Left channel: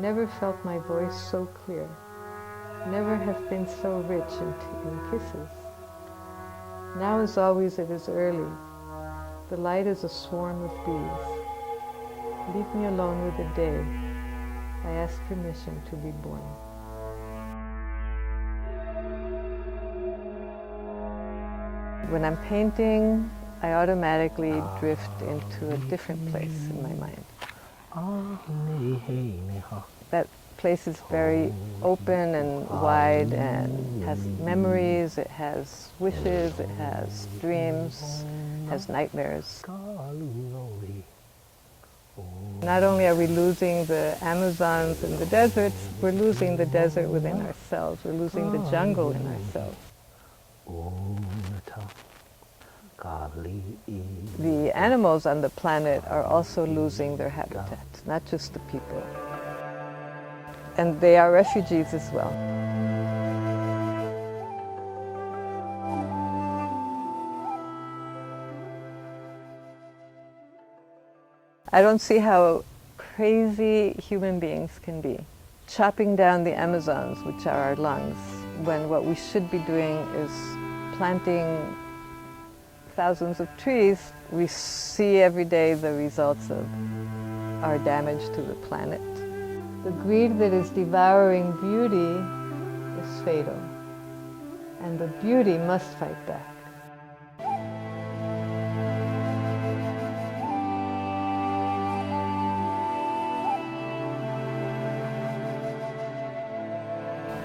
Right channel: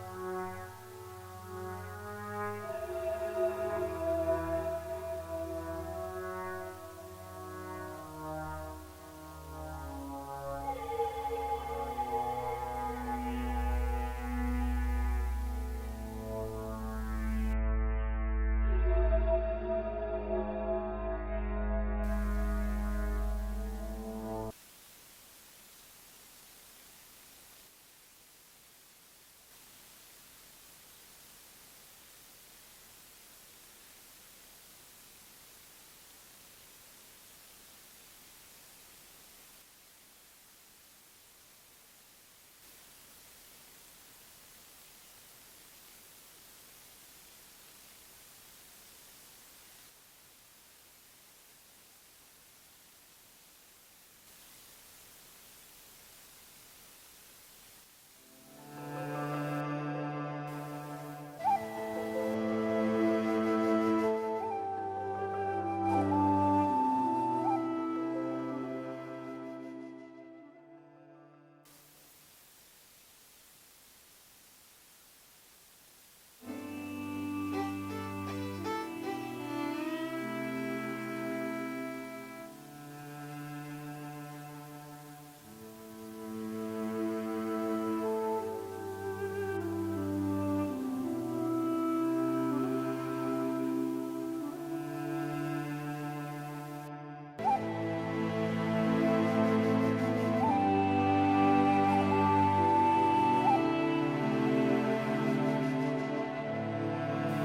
never felt my voice so clear, never have been so rich in kisses. Now as always it is early, the light is a swarm of bees. Leave me alone with the day, I ask permission to be born. When I'm painting, I automatically drift into a different place in my mind. That place is very open and wide and has memories, it has wishes, it has dreams, has nightmares. Not only are we losing the Amazons and the deserts, we're losing the desert within ourselves, we're losing the jungle in ourselves. The animals on the planet are also losing their habitat, not just the people. And they are refugees as well. I don't see how crazy human beings can be. Chopping down the Amazons, which are our lungs, when what we should be doing is planting thousands of trees. We see every day the results of our damage to the planet. The greed that is devouring beauty is fatal, and the beauty must fight back.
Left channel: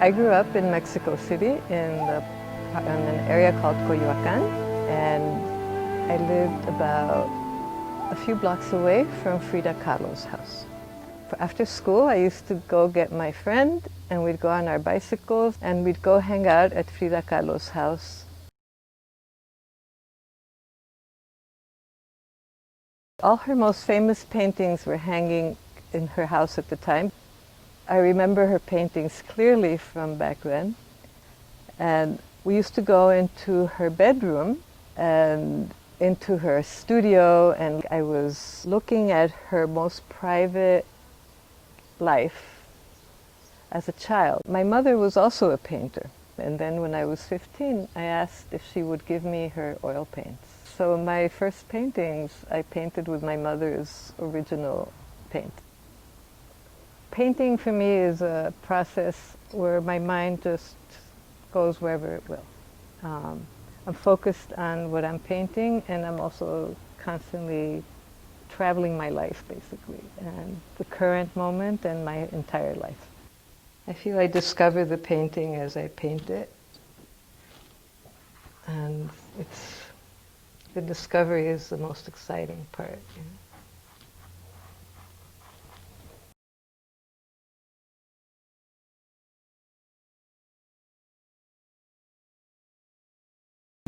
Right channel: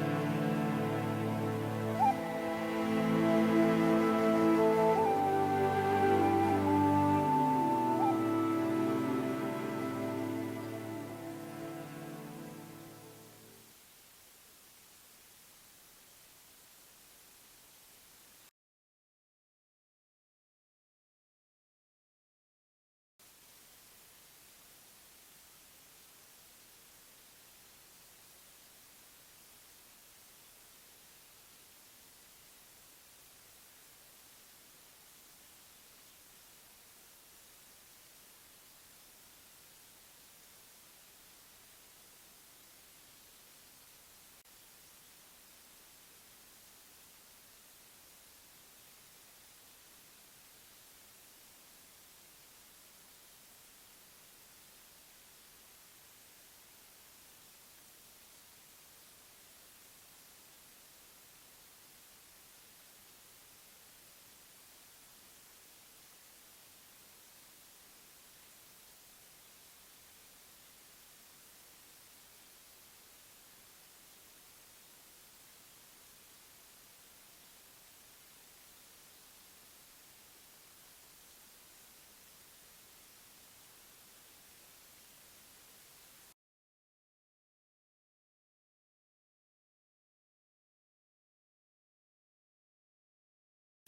I grew up in Mexico City in an area called Coyoacán, and I lived about a few blocks away from Frida Kahlo's house. After school, I used to go get my friend, and we'd go on our bicycles, and we'd go hang out at Frida Kahlo's house. All her most famous paintings were hanging in her house at the time. I remember her paintings clearly from back then, and we used to go into her bedroom and into her studio, and I was looking at her most private life as a child. My mother was also a painter, and then when I was 15, I asked if she would give me her oil paints. So my first paintings I painted with my mother's original paint. Painting for me is a process where my mind just goes wherever it will. I'm focused on what I'm painting, and I'm also constantly traveling my life, basically, and the current moment and my entire life. I feel I discover the painting as I paint it, and the discovery is the most exciting part. You know?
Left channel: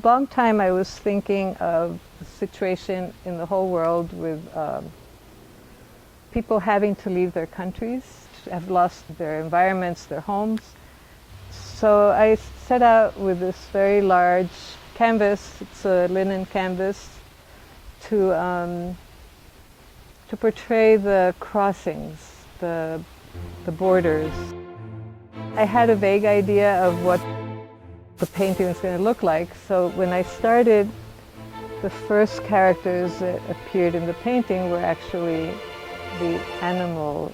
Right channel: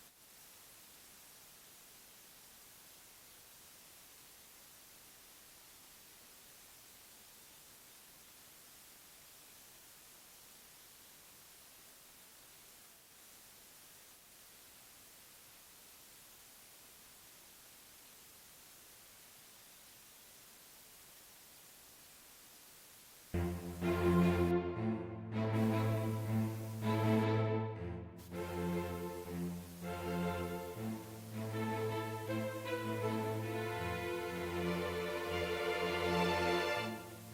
A long time I was thinking of the situation in the whole world with people having to leave their countries, have lost their environments, their homes. So I set out with this very large canvas, it's a linen canvas, to portray the crossings, the borders. I had a vague idea of what the painting was going to look like, so when I started, the first characters that appeared in the painting were actually the animal.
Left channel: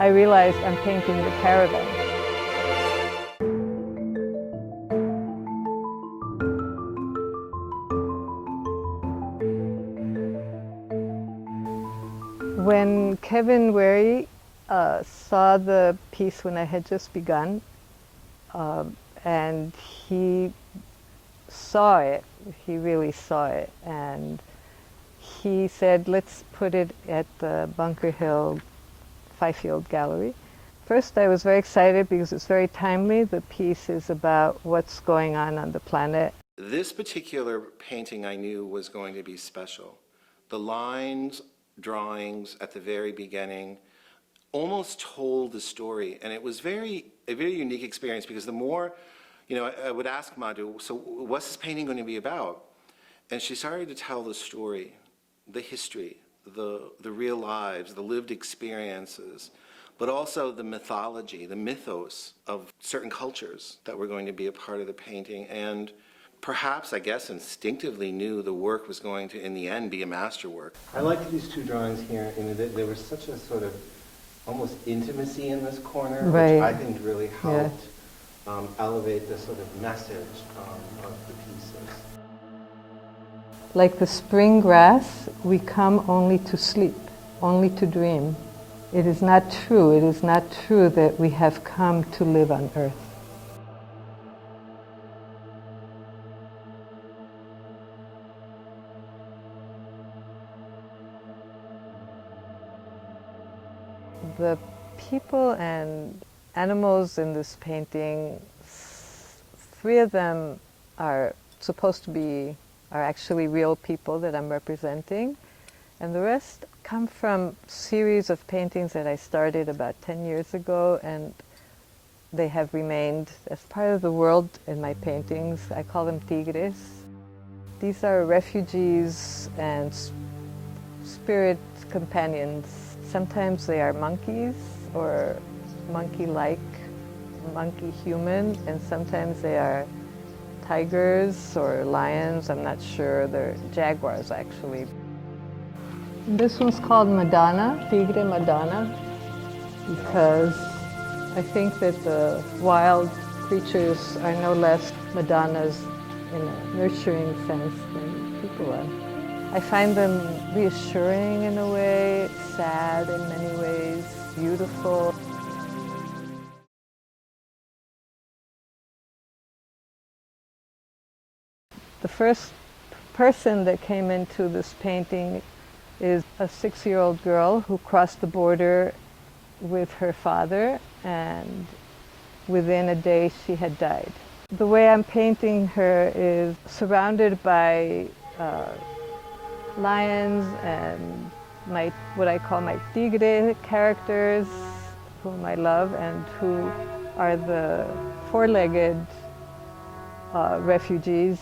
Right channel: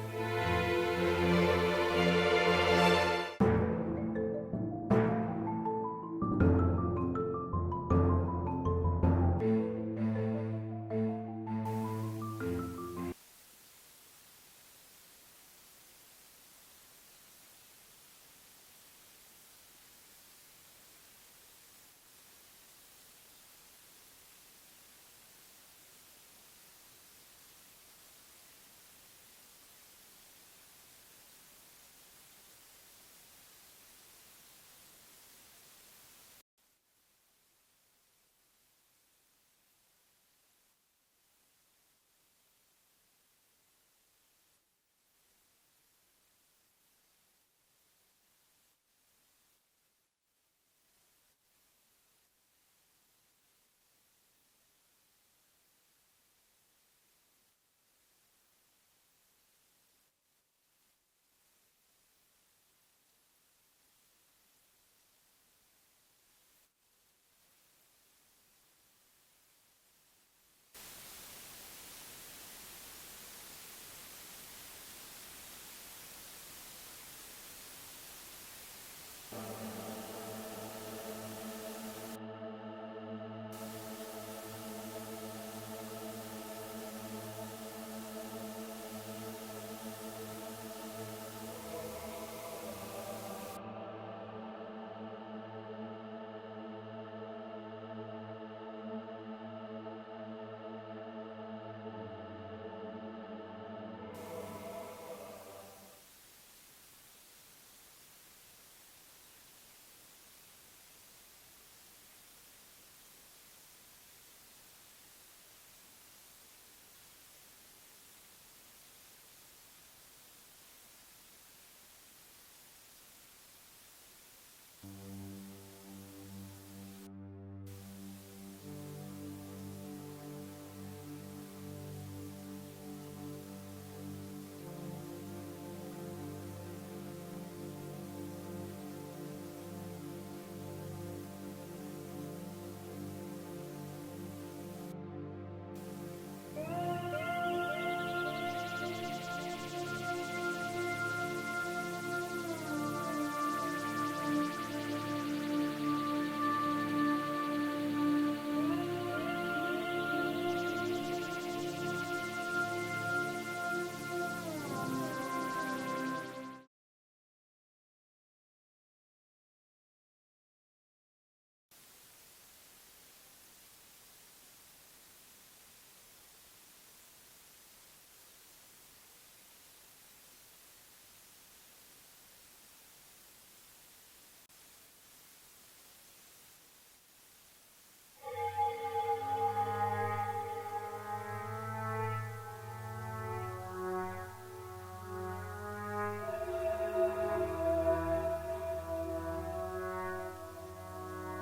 I realized I'm painting the caravan. When Kevin Wary saw the piece when I had just begun, and he saw it, he really saw it, and he said, let's put it at the Bunker Hill Fifield Gallery. First, I was very excited because it's very timely. The piece is about what's going on the planet. This particular painting I knew was going to be special. The lines, drawings at the very beginning almost told the story, and it was a very unique experience, because the more, I would ask Madhu, so what's this painting going to be about? And she started to tell the story, the history the real lives, the lived experiences, but also the mythology, the mythos of certain cultures that were going to be a part of the painting. And perhaps, I guess, instinctively knew the work was going to, in the end, be a masterwork. I liked these two drawings here, and there was such a sort of almost intimacy in this corner, Right. which I think really helped elevate the sort of message of the pieces. Like the spring grass, we come only to sleep, only to dream. It is not true. It is not true that we have come to live on earth. The people and animals in this painting, three of them are supposed to be, are actually real people that I'm representing. And the rest come from series of paintings that I started about 10 years ago, and they have remained as part of the world in my paintings. I call them tigres. These are refugees and spirit companions. Sometimes they are monkeys or monkey-like, monkey-human, and sometimes they are tigers or lions. I'm not sure. They're jaguars, actually. This one's called Madonna, Tigre Madonna, because I think that the wild creatures are no less Madonnas in a nurturing sense than people are. I find them reassuring in a way, sad in many ways, beautiful. The first person that came into this painting is a 6-year-old girl who crossed the border with her father, and within a day she had died. The way I'm painting her is surrounded by lions and what I call my tigre characters, whom I love and who are the four-legged refugees.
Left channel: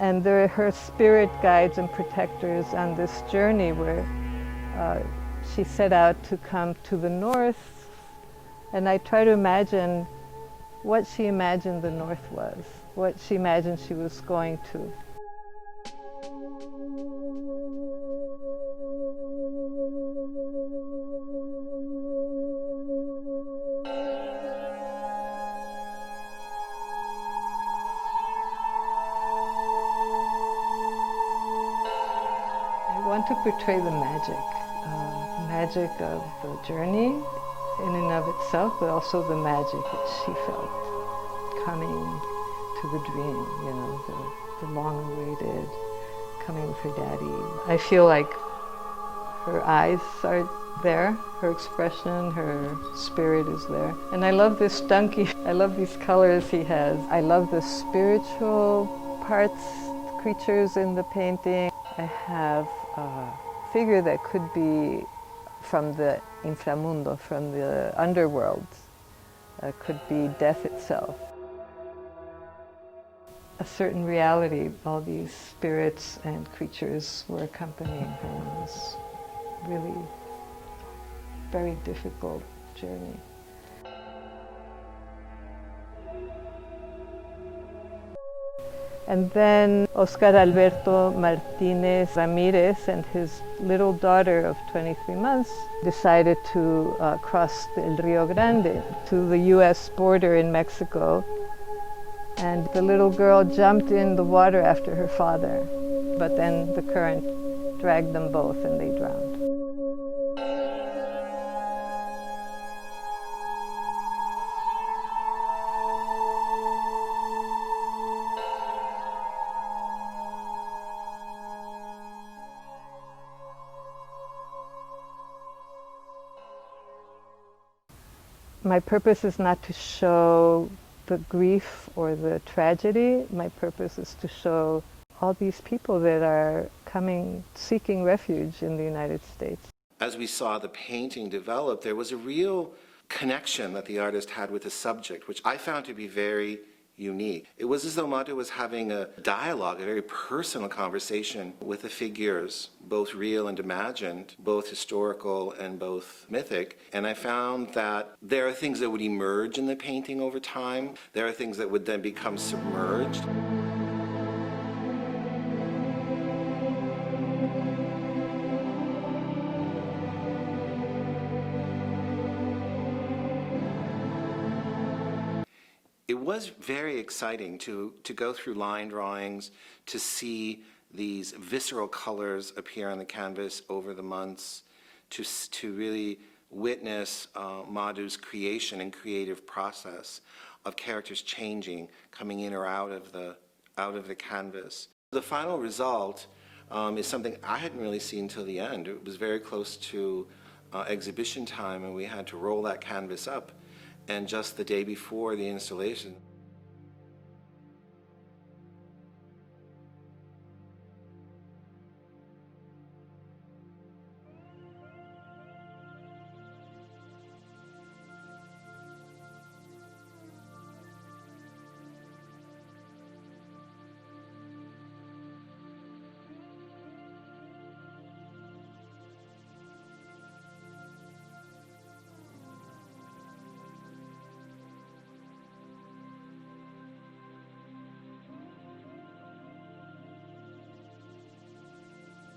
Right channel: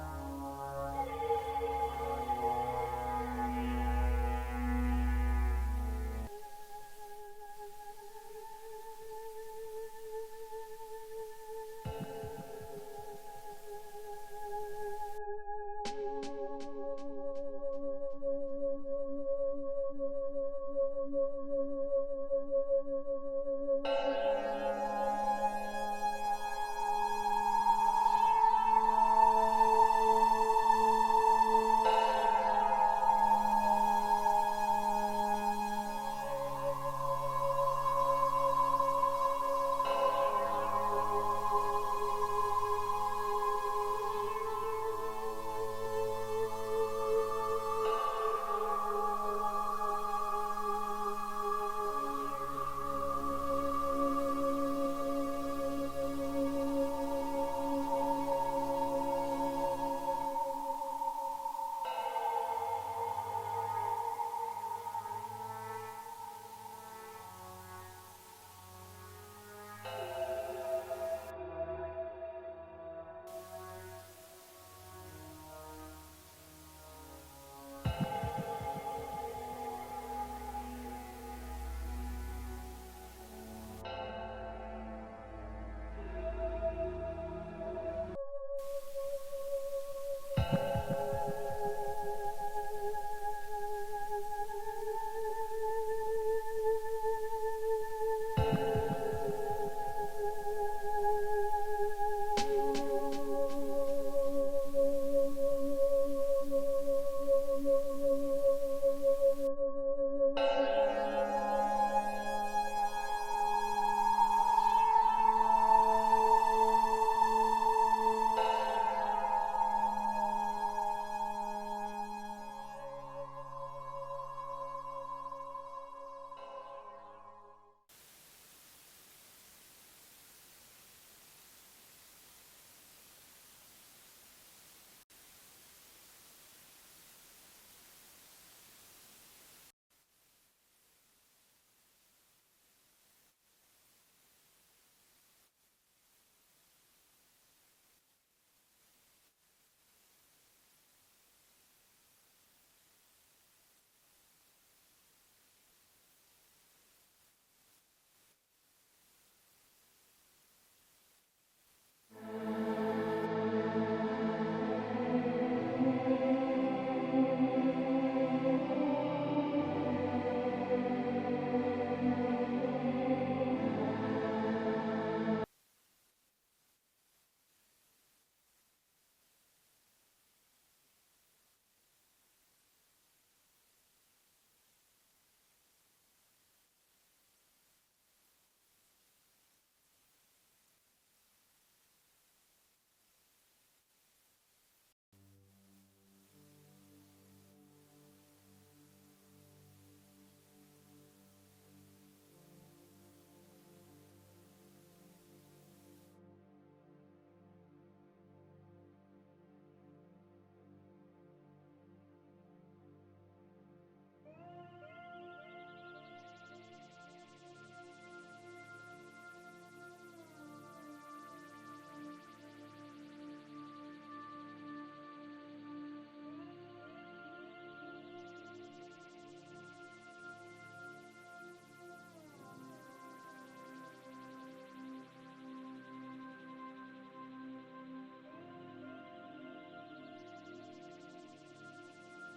And they're her spirit guides and protectors on this journey where she set out to come to the north. And I try to imagine what she imagined the north was, what she imagined she was going to. To portray the magic of the journey in and of itself, but also the magic that she felt coming to the dream, you know, the long-awaited coming with her daddy. I feel like her eyes are there, her expression, her spirit is there. And I love this donkey. I love these colors he has. I love the spiritual parts, creatures in the painting. I have a figure that could be from the inframundo, from the underworld. Could be death itself. A certain reality, all these spirits and creatures were accompanying her on this really very difficult journey. And then Oscar Alberto Martinez Ramirez and his little daughter of 23 months decided to cross the El Rio Grande to the US border in Mexico. And the little girl jumped in the water after her father, but then the current dragged them both and they drowned. My purpose is not to show the grief or the tragedy. My purpose is to show all these people that are coming, seeking refuge in the United States. As we saw the painting develop, there was a real connection that the artist had with the subject, which I found to be very unique. It was as though Madhu was having a dialogue, a very personal conversation with the figures, both real and imagined, both historical and both mythic. And I found that there are things that would emerge in the painting over time. There are things that would then become submerged. It was very exciting to go through line drawings, to see these visceral colors appear on the canvas over the months, to really witness Madhu's creation and creative process of characters changing, coming in or out of the canvas. The final result is something I hadn't really seen till the end. It was very close to exhibition time, and we had to roll that canvas up. And just the day before the installation,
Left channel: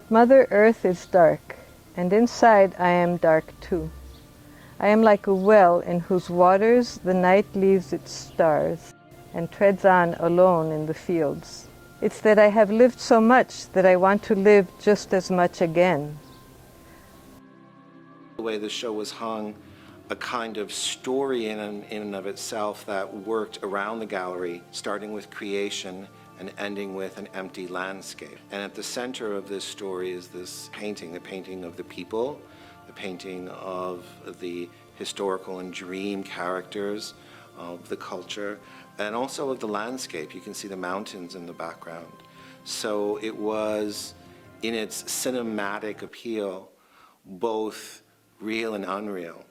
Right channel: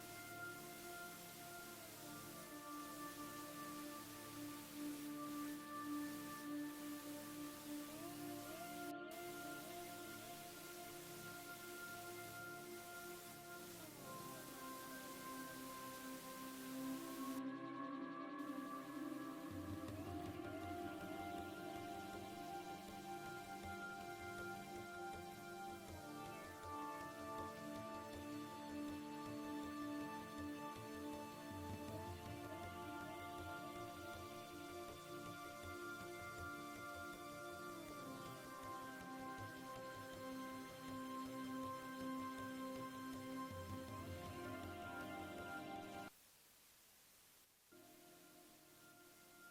Mother Earth is dark, and inside I am dark too. I am like a well in whose waters the night leaves its stars and treads on alone in the fields. It's that I have lived so much that I want to live just as much again. the way the show was hung, a kind of story in and of itself that worked around the gallery, starting with creation and ending with an empty landscape. And at the center of this story is this painting, the painting of the people, the painting of the historical and dream characters of the culture, and also of the landscape. You can see the mountains in the background. So it was, in its cinematic appeal, both real and unreal.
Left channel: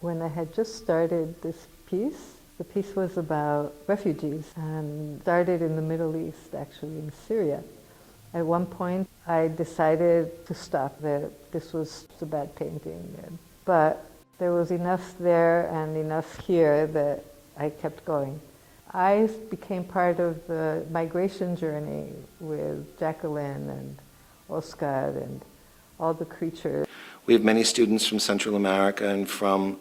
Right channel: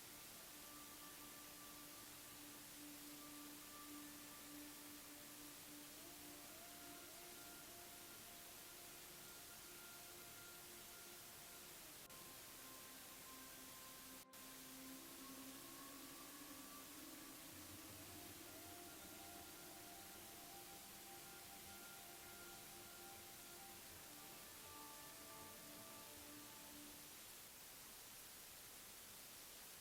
When I had just started this piece, the piece was about refugees and started in the Middle East, actually in Syria. At one point, I decided to stop, that this was a bad painting. But there was enough there and enough here that I kept going. I became part of the migration journey with Jacqueline and Oscar and all the creatures. We have many students from Central America and from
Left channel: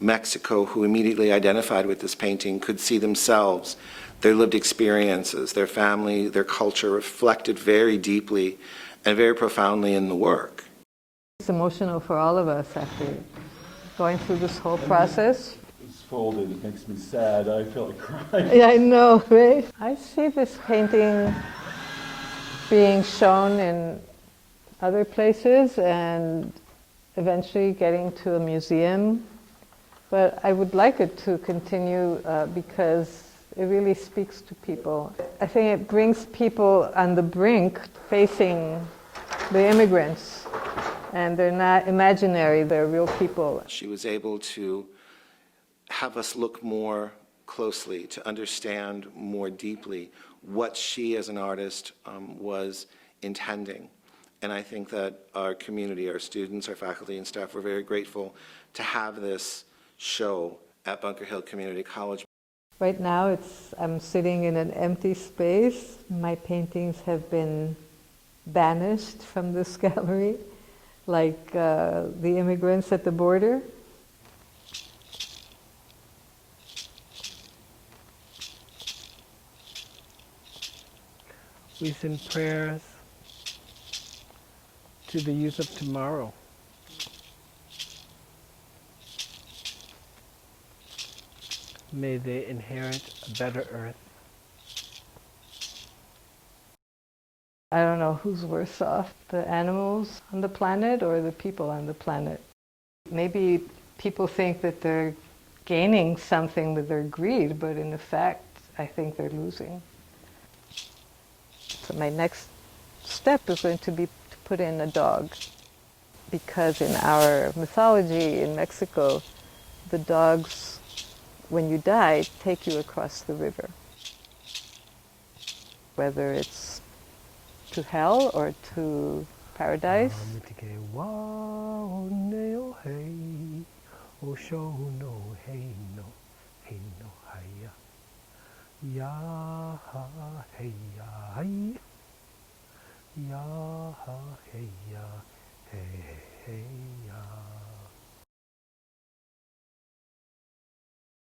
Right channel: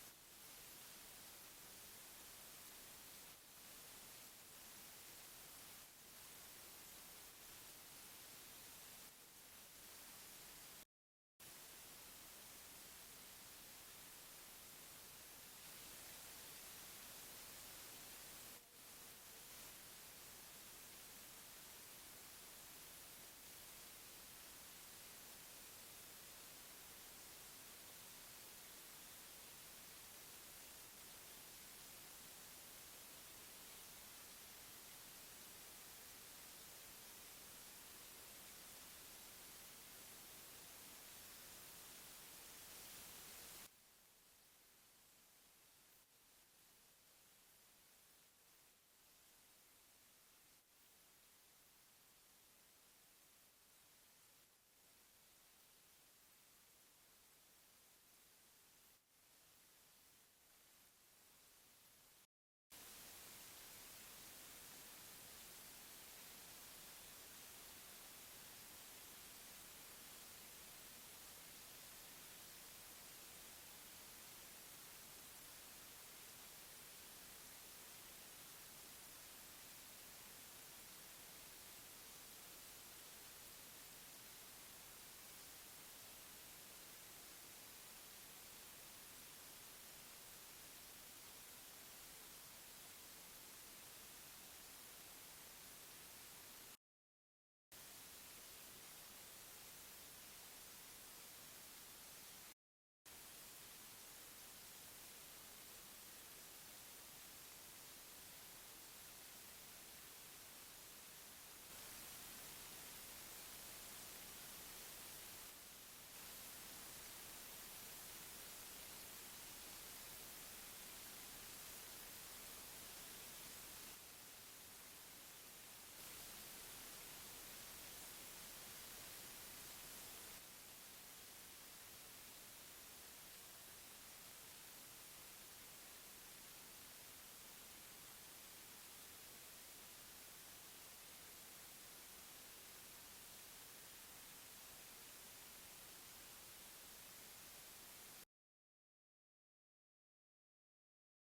Mexico who immediately identified with this painting, could see themselves, their lived experiences, their family, their culture reflected very deeply and very profoundly in the work. It's emotional for all of us after going through this whole process. It's folded, it makes me sad. I feel like crying. Yeah, I know, right? I see this painting being shown in other places and eventually getting to a museum. But I would like it to continue because it really speaks to people. I think it brings people on the brink facing the immigrants, and they're not imaginary, they're real people. She was able to have us look more closely, to understand more deeply what she as an artist was intending. And I think that our community, our students, our faculty and staff were very grateful to have this show at Bunker Hill Community College. Right now I'm sitting in an empty space. My paintings have been banished from this gallery, like the immigrants at the border. We send prayers to the youth of tomorrow. May they inherit a better earth. I don't know who's worse off, the animals on the planet or the people on the planet. Maybe people think that they're gaining something with their greed, but in fact, I think they're losing. So my next step is going to be to put in a dog, because in our mythology in Mexico, the dogs when you die, take you across the river. Whether it's to hell or to paradise. Mitike wao neo hei, o show no hei no haya. Ya ha hei ya hai, ya ha